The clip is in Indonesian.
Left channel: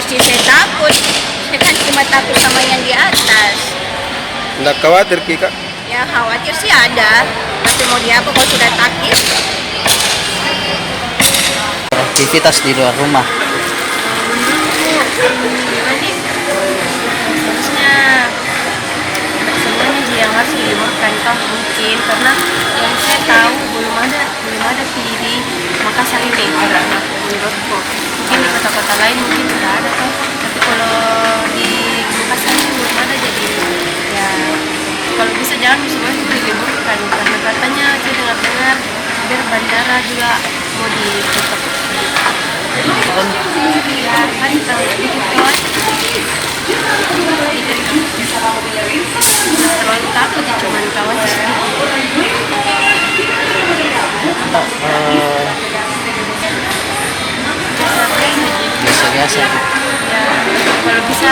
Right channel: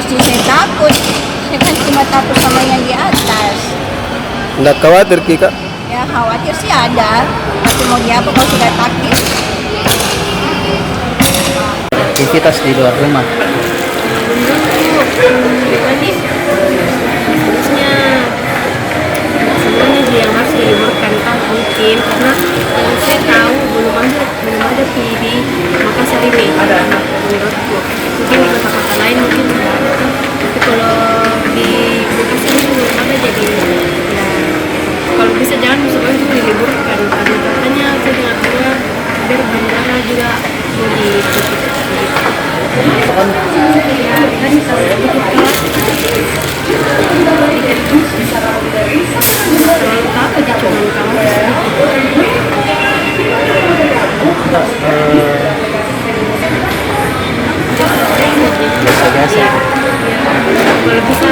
mesti saya takut? Saya kan cuma takut sama yang di atas. Nggak khawatir Ki Kak? Ya khawatir sih ada, tapi mau diapa kalau sudah takdir. Aktivitas di luar rumah. Jadi harusnya sebenarnya yang harus diliburkan kan mungkin karena yang saya tahu belum ada PD Makassar ini menurutku. Mungkin di kota-kota lain mungkin sudah ada kan, tapi kalau di Makassar itu belum ada, jadi ya kalau bisa jangan semuanya itu diliburkan karena katanya saya dengar biar bandara juga mau ditutup. Terlalu takut ya cuman kamu Biasa-biasa. ya, kalau bisa